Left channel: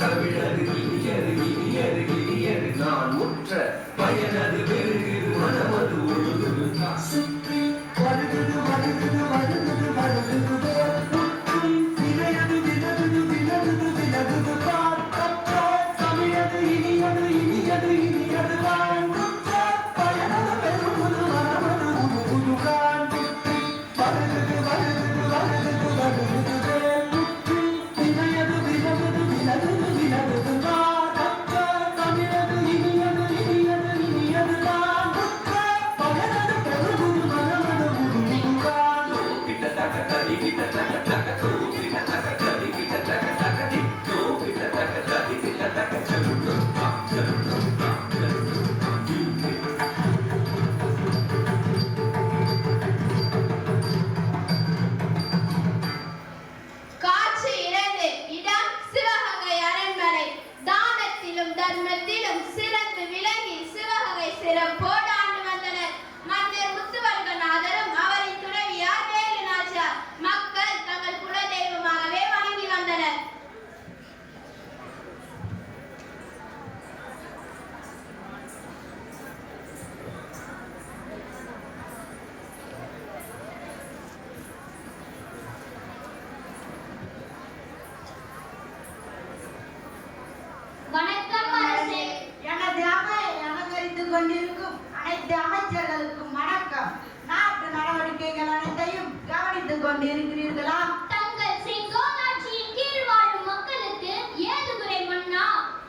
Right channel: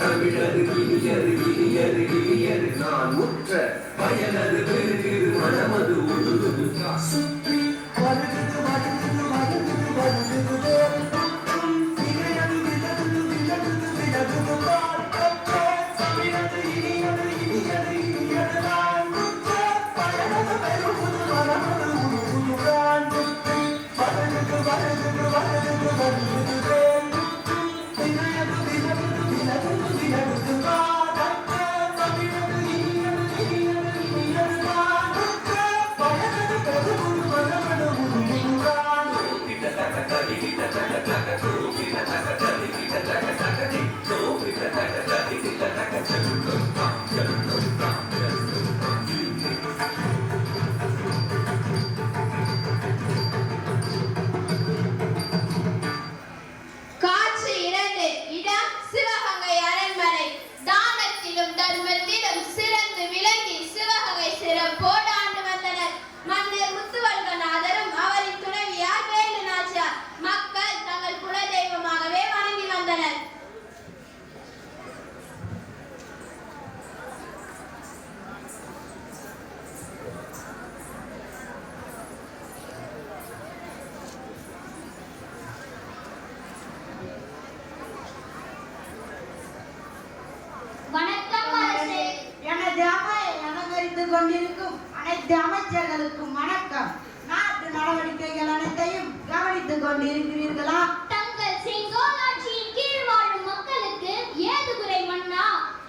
தமிழரு இனியரு இனியரு இனியரு நான் முற்ற பயனது பெருகிது மனமது உழுகுது சுற்றி வருகுது வருகுது வருகுது வருகுது விளையது விலகுது விலகுது விலகுது தமிழரு இனியரு இனியரு இனியரு நான் முற்ற பயனது பெருகுது மனமது உழுகுது வருகுது வருகுது வருகுது வருகுது தர்மத்திலும் சிறந்து விளங்கி சிவகங்கை சிறம் போடாண்டு வந்தனர். மன்னர் முத்துவர்கநாதரும் அவரின் துணைவியார் வேலு நாச்சியார் மக்கள் தங்கள் குலதெய்வமாகவே வணங்கி வந்தனர். அமைச்சர்களுக்கும் வணக்கம். நாட்டு நடவடிக்கைகள் அனைத்தையும் கவனித்துக் கொண்டிருக்கிறீர்களா? தங்கள் செங்கோலாட்சியின் கீழ் வாழும் மக்களுக்கு ஏது குறை மன்னா?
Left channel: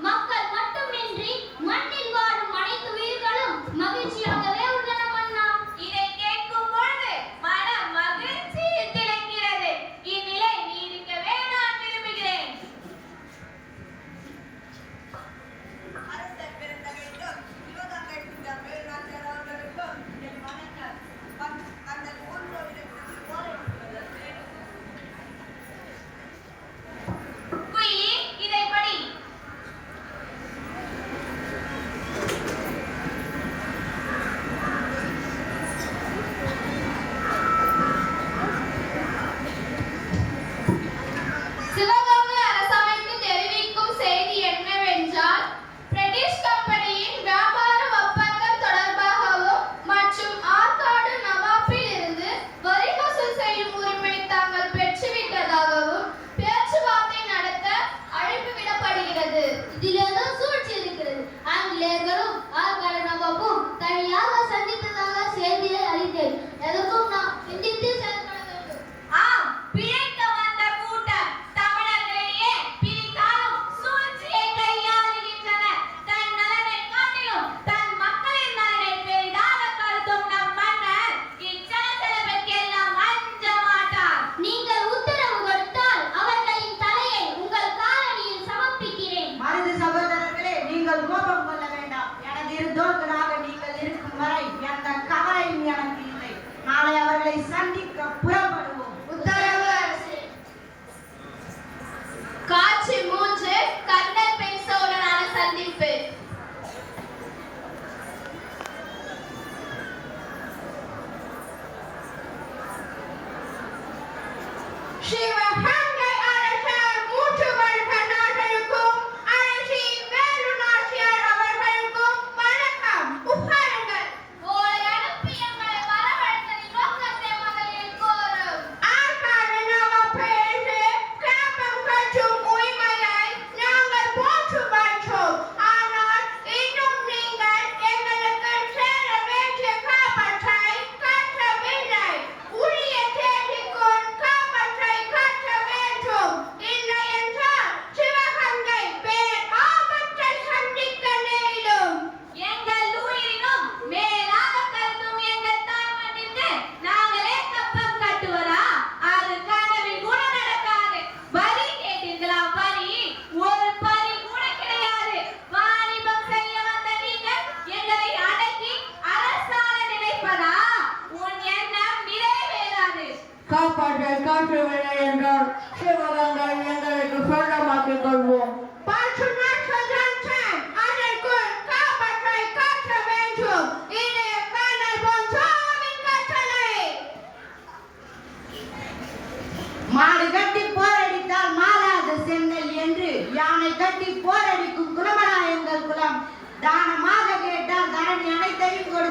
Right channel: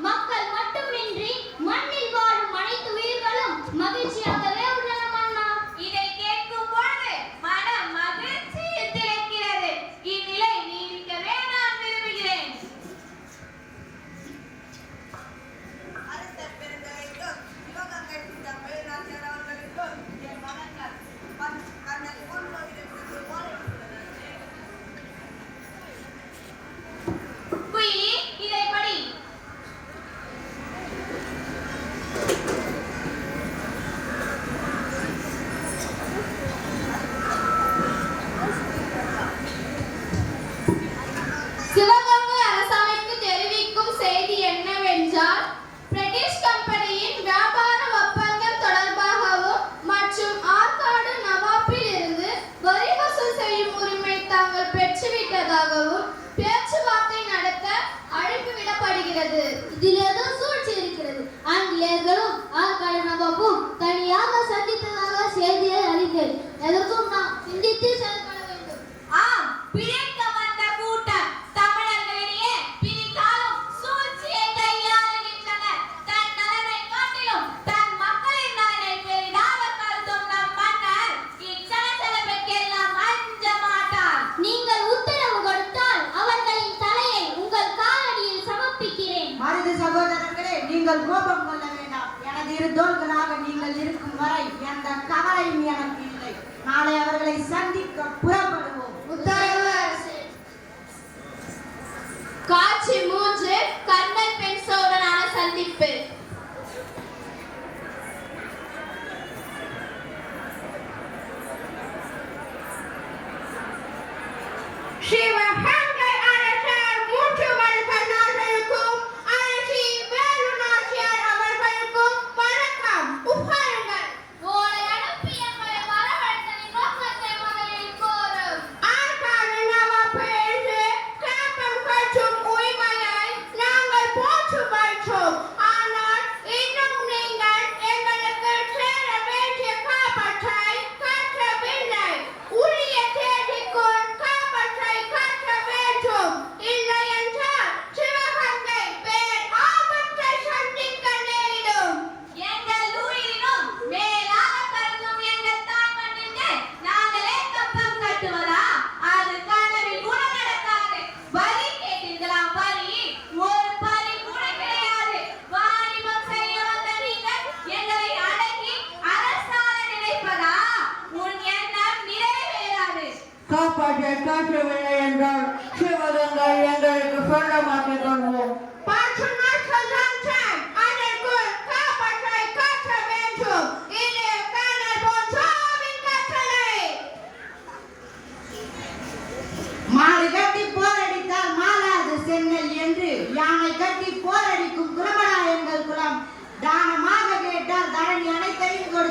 மக்கள் மட்டுமின்றி மண்ணில் வாழும் அனைத்து உயிர்களும் மகிழ்ச்சியாகவே உள்ளன மன்னா. இதை கேட்கும் பொழுது மனம் மகிழ்ச்சியில் திளைக்கிறது. இந்நிலை நீடிக்கவே நான் விரும்புகிறேன். அரசர் பெருந்தகைக்கும் சிவகங்கை சித்தர்கள் நாச்சியார் அவர்களுக்கும் என் வணக்கம். தங்கள் ஓய்வெடுத்து ஓலை குயிலி, இதை படி.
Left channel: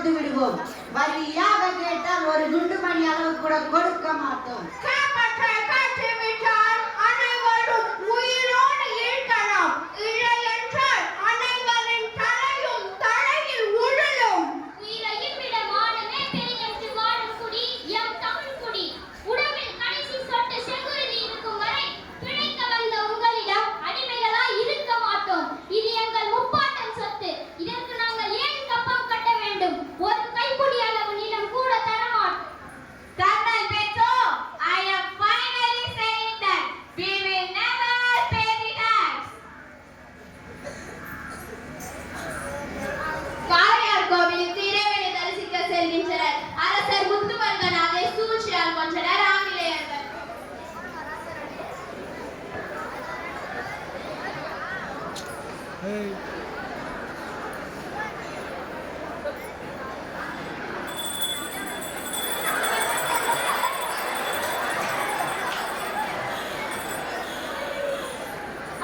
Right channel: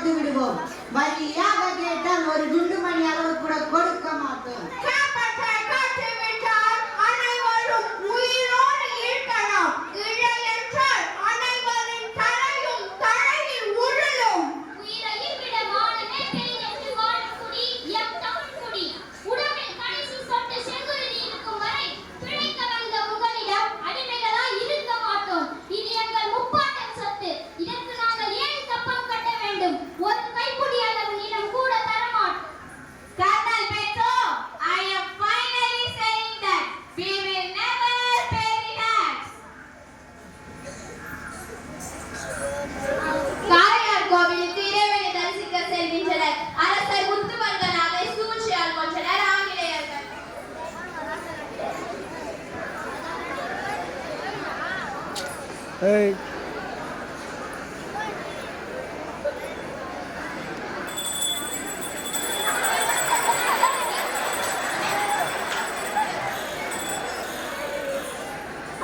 கொடுத்து விடுவோம். வழியாக கேட்டால் ஒரு குண்டு மணி அளவு கூட கொடுக்க மாட்டோம். அனைவரும் உயிரோடு இருக்கலாம். இல்லை என்றால் அனைவரின் தலையும் தலையில் உருளும். உயிரையும் விட மானமே பெரிதென்று வாழும் குடி எம் தமிழ் குடி. உடம்பில் கடைசி சொட்டு செங்குருதி இருக்கும் வரை பிழைக்க வந்த உங்களிடம் அடிமைகளாய் இருக்க மாட்டோம். இது எங்கள் முப்பாட்டம் சொத்து. இதற்கு நாங்கள் ஏன் கப்பம் கட்ட வேண்டும்? ஒரு கைப்பிடி அளவு நிலம் கூட தரமாட்டோம். Colonel Petro, I am finally saying that we will never pay the tax. Kalaiyar கோவிலுக்கு இறைவனை தரிசிக்க செல்கின்றனர். அரசர் முத்துவர்மனாவை சூழ்ச்சியால் கொன்றனர் ஆங்கிலேயர்கள்.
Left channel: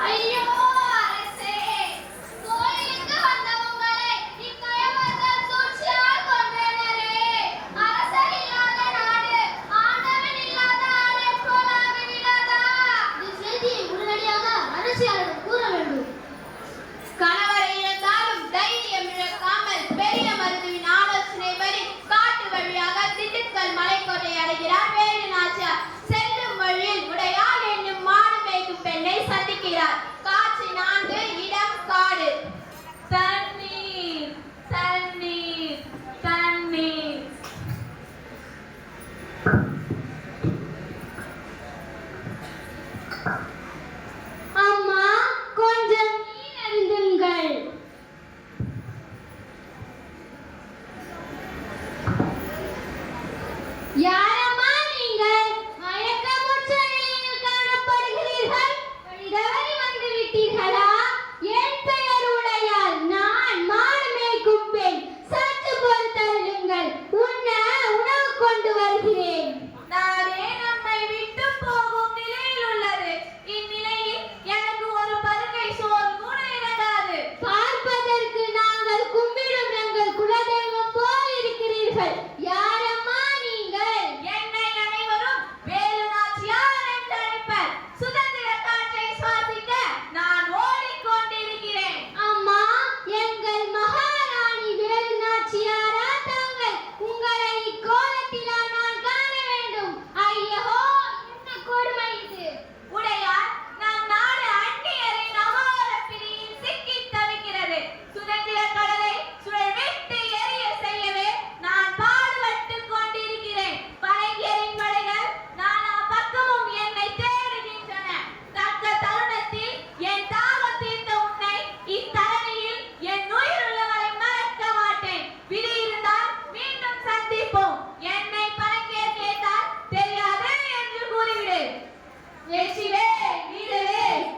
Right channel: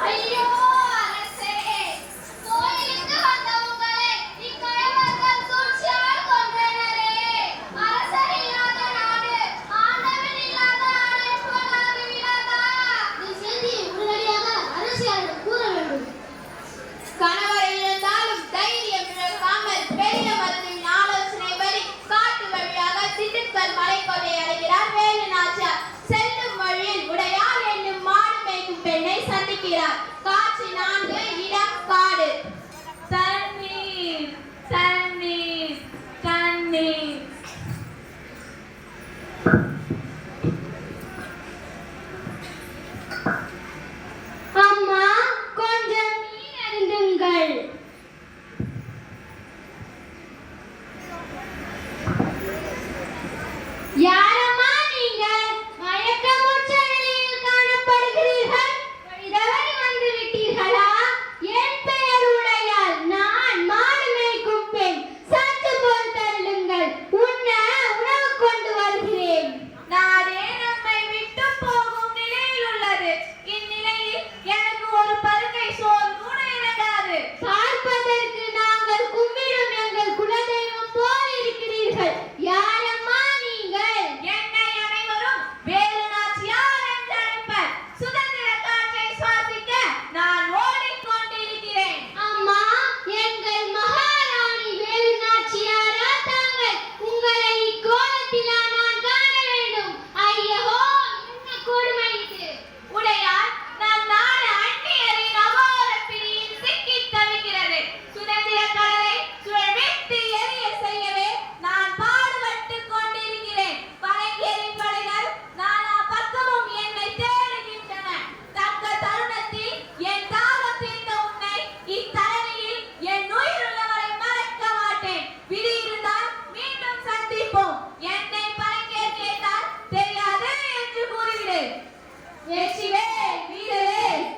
ஐயோ அரசே, கோயிலுக்கு வந்த உங்களை இக்கயவர்கள் சூழ்ச்சியால் கொன்றனரே. அரசர் இல்லாத நாடு ஆண்டவன் இல்லாத ஆடை போல் ஆகிவிடாதா? இந்த செய்தியை உடனடியாக அரசியாரிடம் கூற வேண்டும். கணவர் இழந்தாலும் தைரியம் இழக்காமல் பெரிய மருத்துவின் ஆலோசனைப்படி காட்டு வழியாக திண்டுக்கல் மலைக்கோட்டை அடைகிறார் வேலு நாச்சியார். செல்லும் வழியில் உடையார் என்னும் மாடு மேய்க்கும் பெண்ணை சந்திக்கிறார். காட்சி 4, இடம் காடு. தண்ணீர் தண்ணீர் தண்ணீர். அம்மா, கொஞ்சம் நீர் அருந்துங்கள். யாரம்மா நீங்கள்? மயக்கமுற்ற நிலையில் காணப்படுகிறீர்கள். வழிதவறி வந்து விட்டீர்களா? என் பெயர் உடையாள். நான் மாடு மேய்க்கும் பெண். சற்று பொறுத்தருளுங்கள். உண்ண உணவு கொண்டு வருகிறேன். நாடே நம்மை விட்டு போகும் நிலையில் உள்ளது. இந்நிலையில் எனக்கு ஒரு பருக்கை சோறு கூட இறங்காது. பார்ப்பதற்கு நாங்கள் கும்பிடும் எங்கள் குலதெய்வம் போல் இருக்கிறீர்கள். யாரம்மா நீங்கள்? என்னை அனைவரும் வேலு நாச்சியார் என்று அழைப்பர். சுதந்திர காற்றை சுவாசிக்க நான் ஓடிக்கொண்டிருக்கிறேன். அம்மா, எங்கள் மகாராணி வேலு நாச்சியாரா தாங்கள்? உங்களை இக்கோலத்திலா நான் காண வேண்டும்? ஐயோ, என்ன கொடுமை இது! உடையார், நம் நாடு அந்நியரின் அகோர பிடியில் சிக்கித் தவிக்கிறது. சுதந்திர கடலை சுழற்றி எரிய செய்யவே நான் பாடுபட்டுக் கொண்டிருக்கிறேன். பழையரின் படைகள் நானா பக்கமும் என்னை தேடுகின்றன. தக்க தருணத்தில் என் தாகம் தீர்த்த உன்னை இத்தரணியில் என் உயிருள்ளவரை மறக்க மாட்டேன். விதி இருந்தால் மீண்டும் சந்திப்போம். என்னை பழையர் கேட்டால் தெரியாது என்று கூறிவிடு. வெற்றிவேல் வீரவேல்.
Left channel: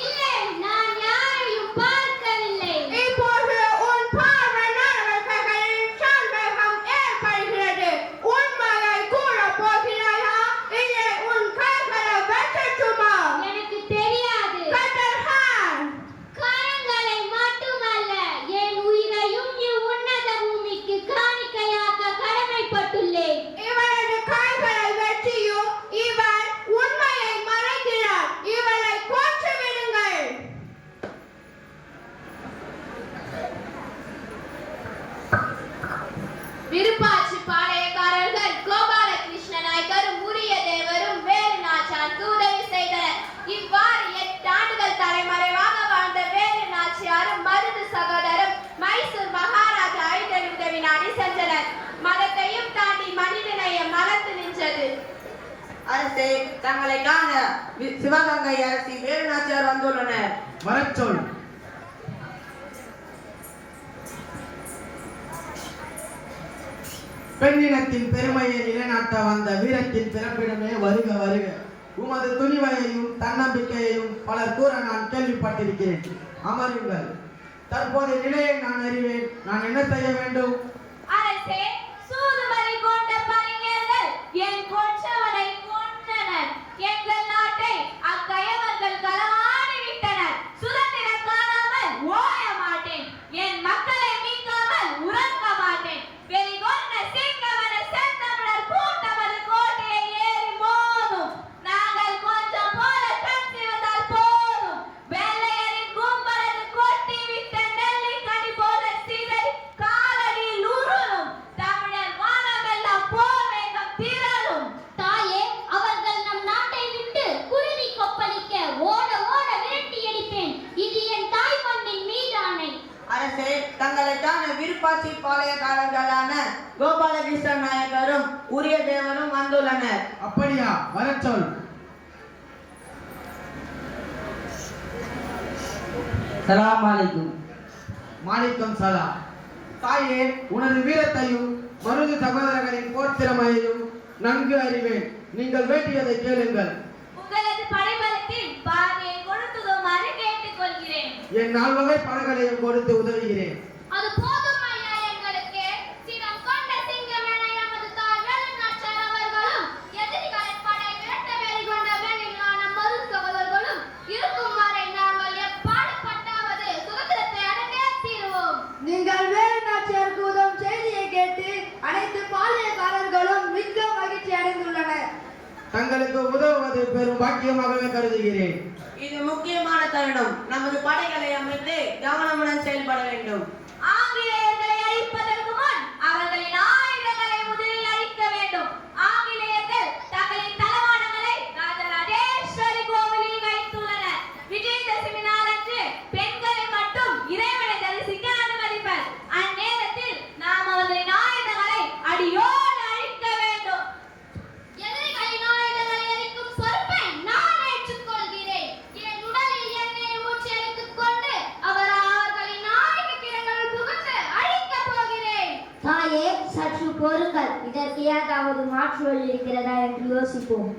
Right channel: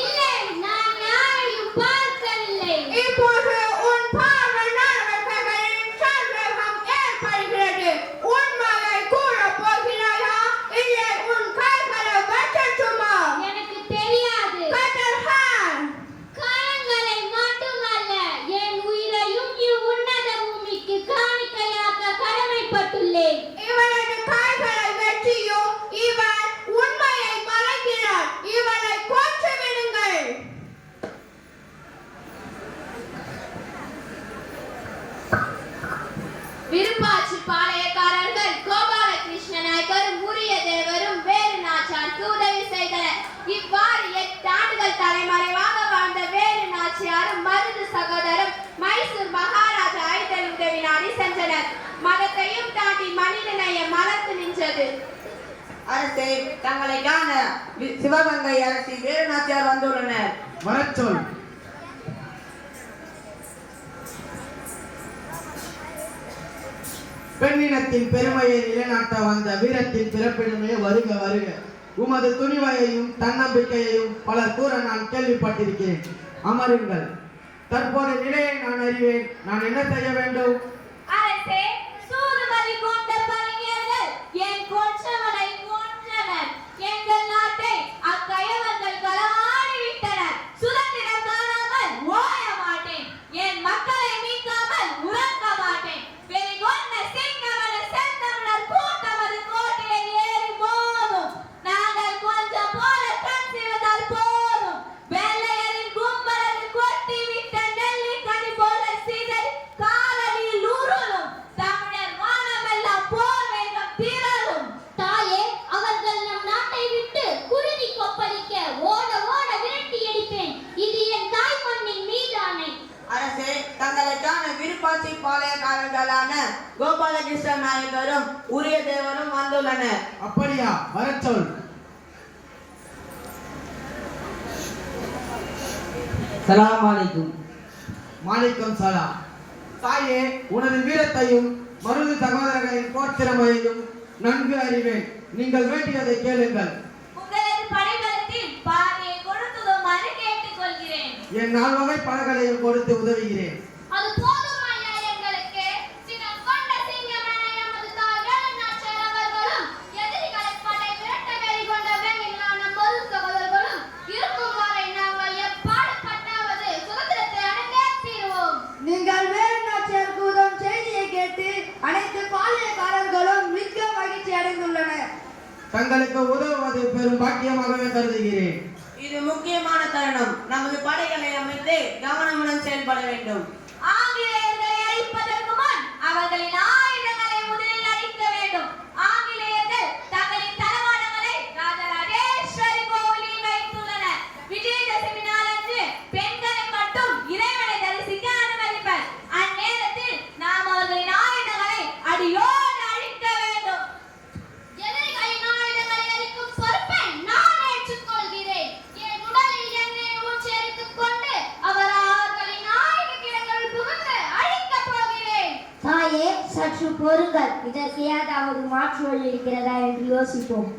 இல்லை, நான் யாரையும் பார்க்கவில்லை. எனக்கு தெரியாது. காயங்களை மட்டுமல்ல, என் உயிரையும் இவ்வுன்னத பூமிக்கு காணிக்கையாக்க கடமைப்பட்டுள்ளேன். விருப்பாட்சி பாளையக்காரர்கள் கோபாலகிருஷ்ண நாயக்கரும் உரிய தேவரும் வேலு நாச்சியாருக்கு உதவி செய்தனர். இவ்வாறு 8 ஆண்டுகள் தலைமறைவாக வாழ்ந்த வேலு நாச்சியாரும் மருது சகோதரரும் மைசூர் மகாராஜா ஐதல் உதவி நாடி சென்றனர். மதத்தையும் தாண்டி மனிதநேயம் மலர்ந்து நின்றது. அரசே, தங்களை காண சிவகங்கை அரசி வேலு நாச்சியார் வந்துள்ளனர். வரச்சொல். பெண்ணினத்தின் பெருமையை நிலைநாட்ட வந்த வீரத்தின் பிறப்பிடமே வருக வருக. உமது துணிவையையும் தன்னம்பிக்கையையும் பலர் கூற நான் கேள்விப்பட்டிருக்கிறேன். அமருங்கள். தற்போது நிலையை நான் அறிவேன். நான் என்ன செய்ய வேண்டும்? அரசே, சூதுபதி கொண்ட பரிஞர்கள் என் கொற்றவனை கொன்றனர். எங்கள் நாட்டை அக்கயவர்கள் களவாடி வரச் சொல். சலாம் அலைக்கும். மாலிக்கம் சலாம். தாயே, உனது வீரத்தையும் மருது சகோதரர்களின் போர்த்திறமையையும் நன்கு அறிவேன். நீங்கள் வேண்டியதை கேளுங்கள். உங்களது படைபலத்தில் பாதியை கொடுத்துடுமாறு கேட்டுக்கொள்கிறேன். என் 4 வகை பலகளையும் கொடுத்து உதவுகிறேன். அது போதும் ஐயா எங்களுக்கு. சினம் கொண்ட சிங்கமென நமது தாய் வேலுநாச்சியார் அவர்களும் எதிரிகளை படை விரட்ட வெறி கொண்ட வேலிகளான மருது சகோதரர்களும் இருக்கும் வரை நாங்கள் எப்பாடுபட்டாவது சுதந்திரத்தை அடைந்தே தீருவோம். நீங்கள் வேறு நாச்சியாருக்கு உதவும் செய்தியை கேட்டு அனைத்து பாளையக்காரர்களும் மிக்க மகிழ்ச்சி அடைந்துள்ளனர். தங்களுக்கு உதவுவது பெரும் பாக்கியமாகவே கருதுகிறேன். இது முக்கியமான தருணம். நமது படைகளை அமைத்து கவனமுடன் செயல்பட வேண்டும். ஆங்கிலேயர்களை அழிப்பதற்கு முன் அவர்களின் ஆயுதங்களை முதலில் அழிக்க வேண்டும். ஆங்கிலேயர்கள் தங்களின் தளவாடங்களை ராஜராஜேஸ்வரி கோவிலில் வைத்துள்ளனர். விஜயதசமி நாளன்று பெண்களை மட்டும் இறைவனை தரிசிக்க அனுமதிப்பர். அந்நேரத்தில் நாம் அவர்களின் ஆயுதங்களை அடியோடு அழிக்க வேண்டும். எதிரிகளின் ஆயுதங்களை அளிக்கும் பொறுப்பை நான் ஏற்றுக்கொள்கிறேன். என் உடலில் எண்ணெய் ஊற்றி அடித்துக் கொண்டு அவர்களின் ஆயுத கிடங்குகள் புகுந்து அழிக்கப் போகிறேன். தாயே, சற்று பொறுங்கள். இதற்கு ஏதாவது மாற்று வழி இருக்கிறதா என்று யோசிப்போம்.